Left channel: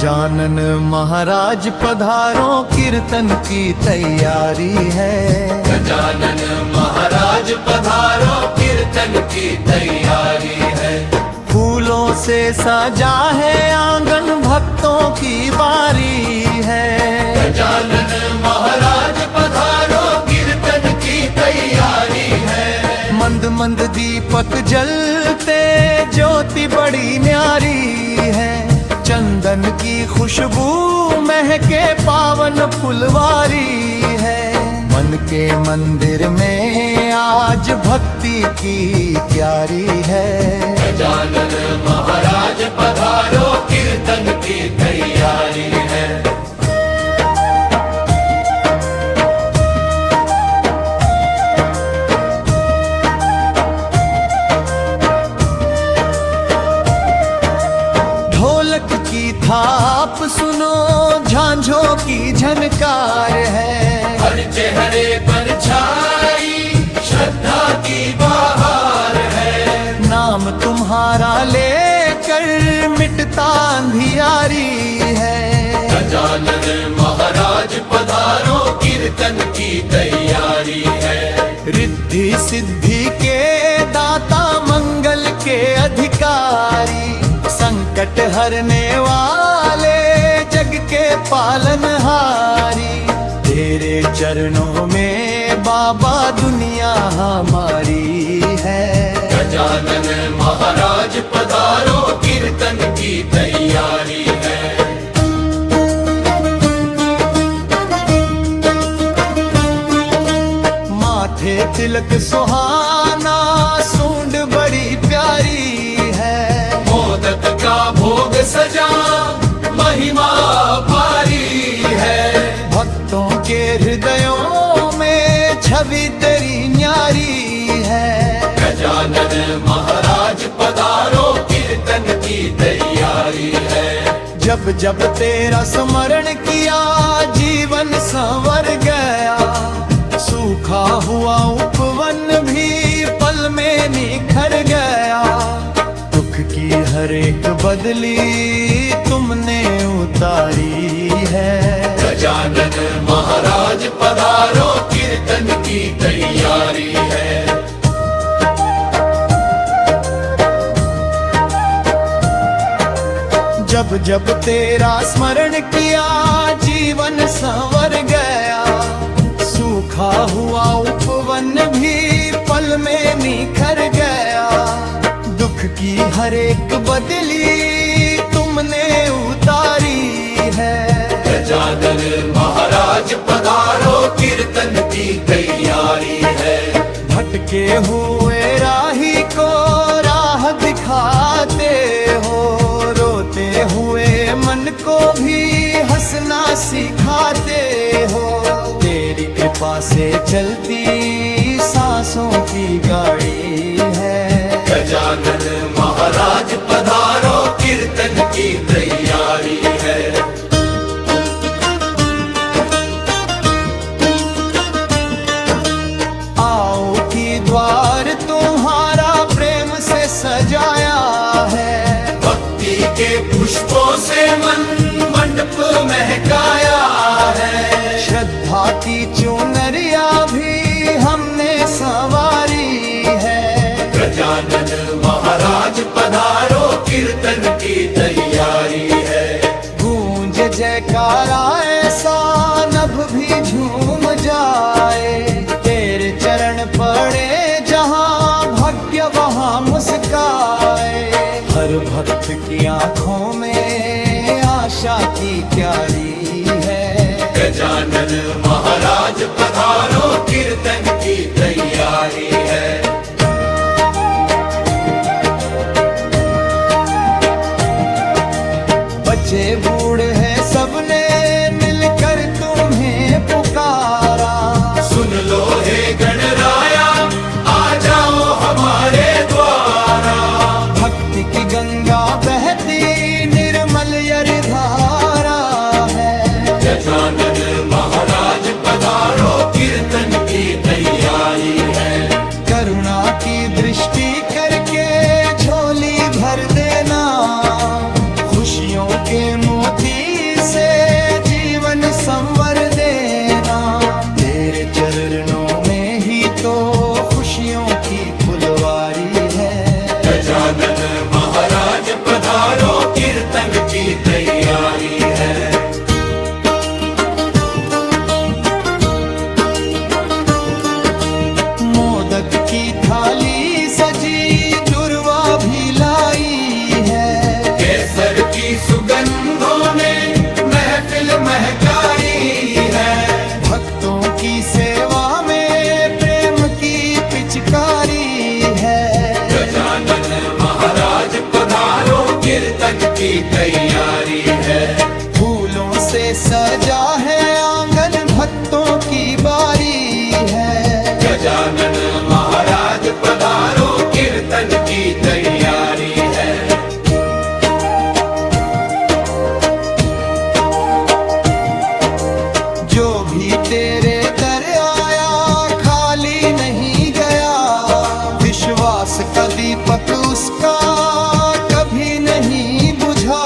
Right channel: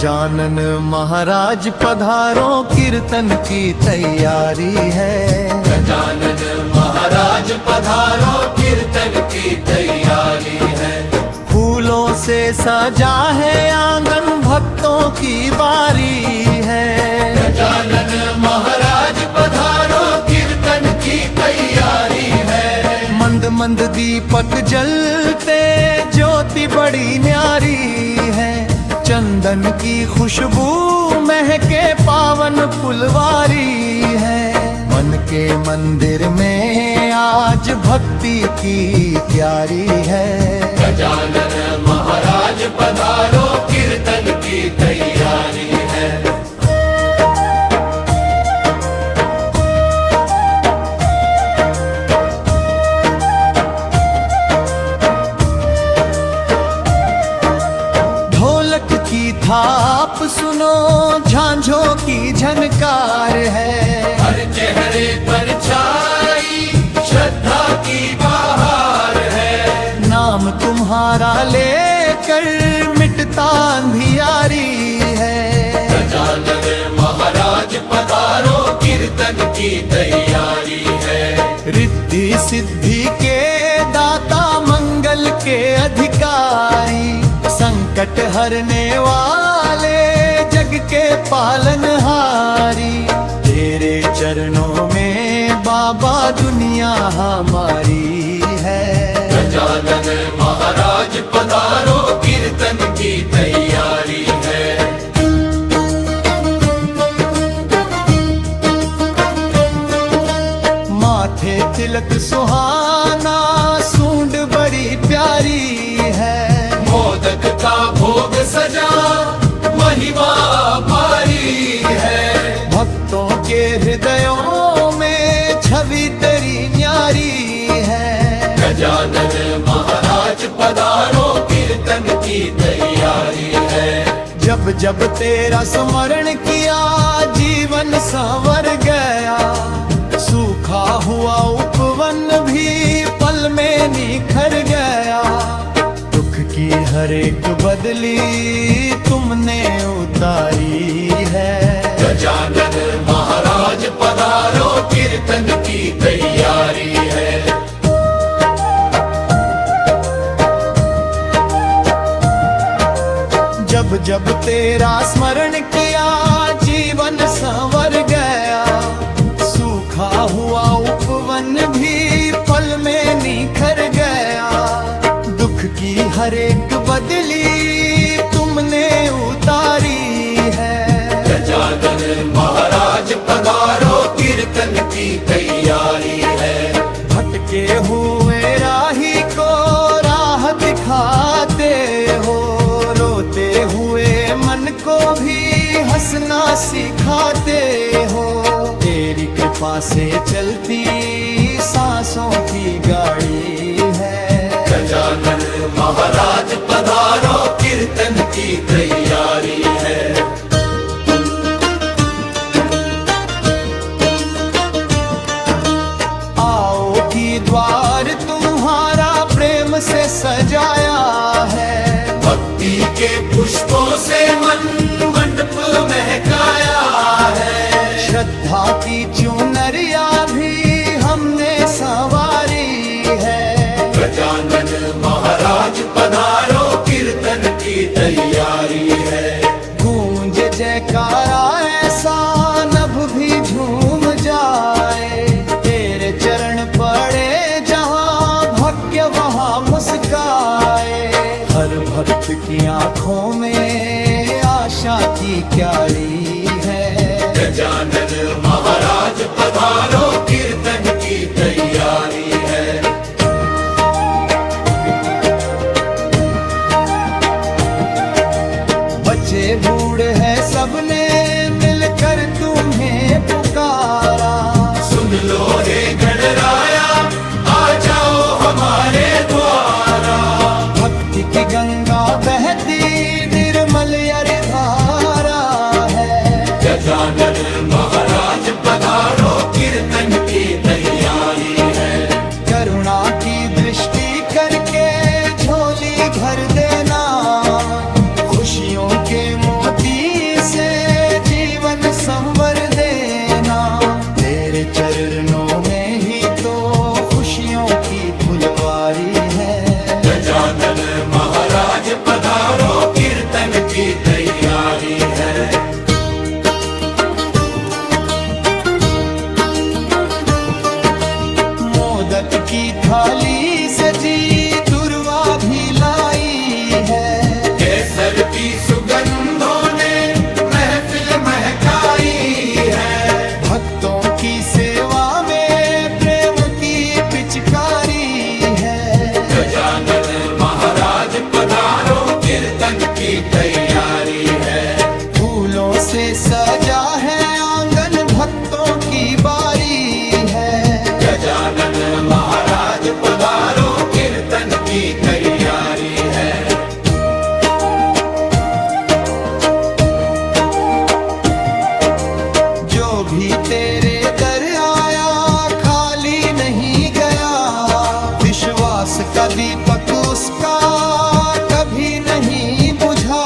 गजानन महाराज पधारो, कीर्तन की तैयारी है। गजानन महाराज पधारो, कीर्तन की तैयारी है। फूलों से सजा है आंगन, भक्तों की बारी है। गजानन महाराज पधारो, कीर्तन की तैयारी है। मंद मंद दीपक जलते, ज्योति बड़ी न्यारी है। चंदन की खुशबू महके, पावन फुलवारी है। मन के मंदिर में आज भक्ति की क्यारी है। गजानन महाराज पधारो, कीर्तन की तैयारी है। ढोलक की थाप सुनो, झांझों की झनकार है। हर चेहरे पर छाई श्रद्धा की बहार है। नाम तुम्हारा लेकर मिटता अंधियारी है। गजानन महाराज पधारो, कीर्तन की तैयारी है। रिद्धि सिद्धि के दाता, मंगल के अधिकारी, संकट हरने वाले, जग के पालनहारी। तेरे चरणों में बाबा दुनिया हमारी है। गजानन महाराज पधारो, कीर्तन की तैयारी है। माथे तिलक सुहाना, सूंड बड़ी प्यारी है। मोदक का भोग सजा, महिमा पारी है। भक्तों के हृदयों में छवि तेरी न्यारी है। गजानन महाराज पधारो, कीर्तन की तैयारी है। जब जब तेरा स्मरण किया, जीवन संवर गया। सूखा हुआ उपवन भी पल में निखर गया। दुख की हर एक बदली तुमने उतारी है। गजानन महाराज पधारो, कीर्तन की तैयारी है। जब जब तेरा स्मरण किया, जीवन संवर गया। सूखा हुआ उपवन भी पल में निखर गया। दुख की हर एक बदली तुमने उतारी है। गजानन महाराज पधारो, कीर्तन की तैयारी है। भटके हुए राही को राह दिखाते हो, रोते हुए मन को भी हंसना सिखाते हो। तेरी कृपा से चलती सांसों की गाड़ी है। गजानन महाराज पधारो, कीर्तन की तैयारी है। आओ कि द्वार तुम्हारा प्रेम से सजाया है। भक्ति के पुष्पों से मन मंडप महकाया है। श्रद्धा की चुनरिया भी हमने संवारी है। गजानन महाराज पधारो, कीर्तन की तैयारी है। गूंज जयकारा ऐसा, नभ भी झूम जाए। तेरे चरण पड़े जहाँ, भाग्य वहाँ मुस्काए। हर भक्त की आँखों में आशा की क्यारी है। गजानन महाराज पधारो, कीर्तन की तैयारी है। बच्चे बूढ़े हैं सबने मिलकर तुम्हें पुकारा। सुन लो हे गणराया, आ जाओ हमारे द्वारा। भक्ति की गंगा बहती निर्मल यरिधारा है। गजानन महाराज पधारो, कीर्तन की तैयारी है। करुणा की दृष्टि करके झोली भर देना। खुशियों के मोती से जीवन संवर देना, तेरे चरणों में ही तो खुशियों की फुलवारी है। गजानन महाराज पधारो, कीर्तन की तैयारी है। मोदक की थाली सजी दुर्वा भी लाई है, केसर की सुगंधों ने महफिल महकाई है। भक्तों की सेवा में प्रेम की पिचकारी है। गजानन महाराज पधारो, कीर्तन की तैयारी है। फूलों से सजा है आंगन, भक्तों की बारी है। गजानन महाराज पधारो, कीर्तन की तैयारी है। जो भी तेरे दर आया खाली नहीं गया, विश्वास का दीपक उसका कभी नहीं बुझा।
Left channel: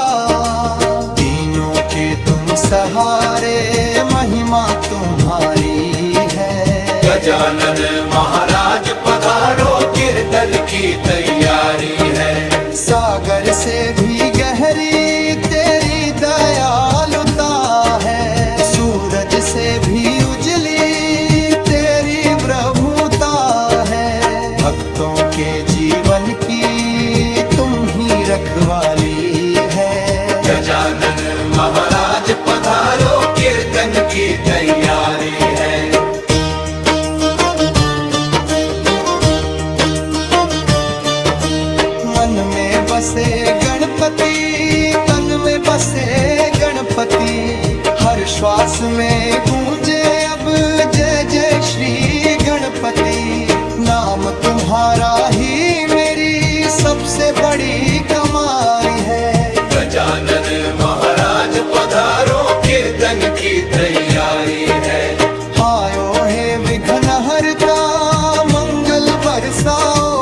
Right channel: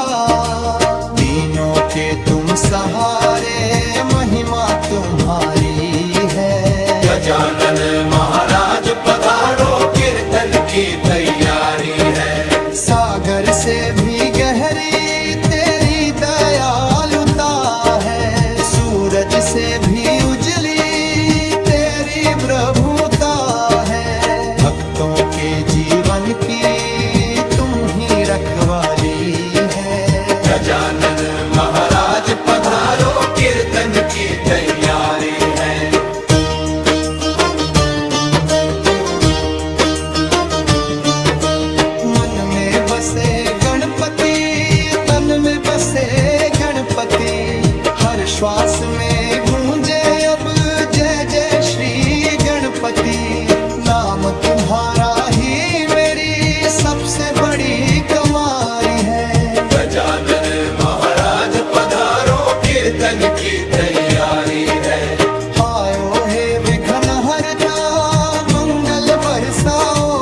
दीनों के तुम सहारे, महिमा तुम्हारी है। गजानन महाराज पधारो, कीर्तन की तैयारी है। सागर से भी गहरी तेरी दयालुता है, सूरज से भी उजली तेरी प्रभुता है। भक्तों के जीवन की तुम ही रखवाली है। गजानन महाराज पधारो, कीर्तन की तैयारी है। मन में बसे गणपति, तन में बसे गणपति, हर श्वास में गूंजे अब जय जय श्री गणपति। नाम तुम्हारा ही मेरी सबसे बड़ी कमाई है। गजानन महाराज पधारो, कीर्तन की तैयारी है। आयो हे विघ्नहर्ता, मंगल बरसाओ,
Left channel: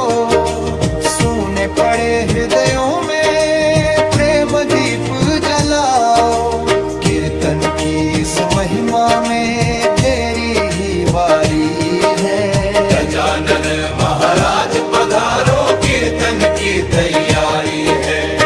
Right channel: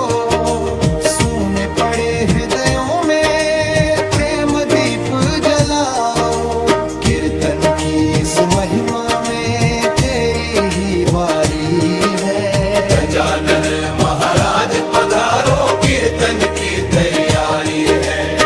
सूने पड़े हृदयों में प्रेम दीप जलाओ। कीर्तन की इस महिमा में तेरी ही बारी है। गजानन महाराज पधारो, कीर्तन की तैयारी है।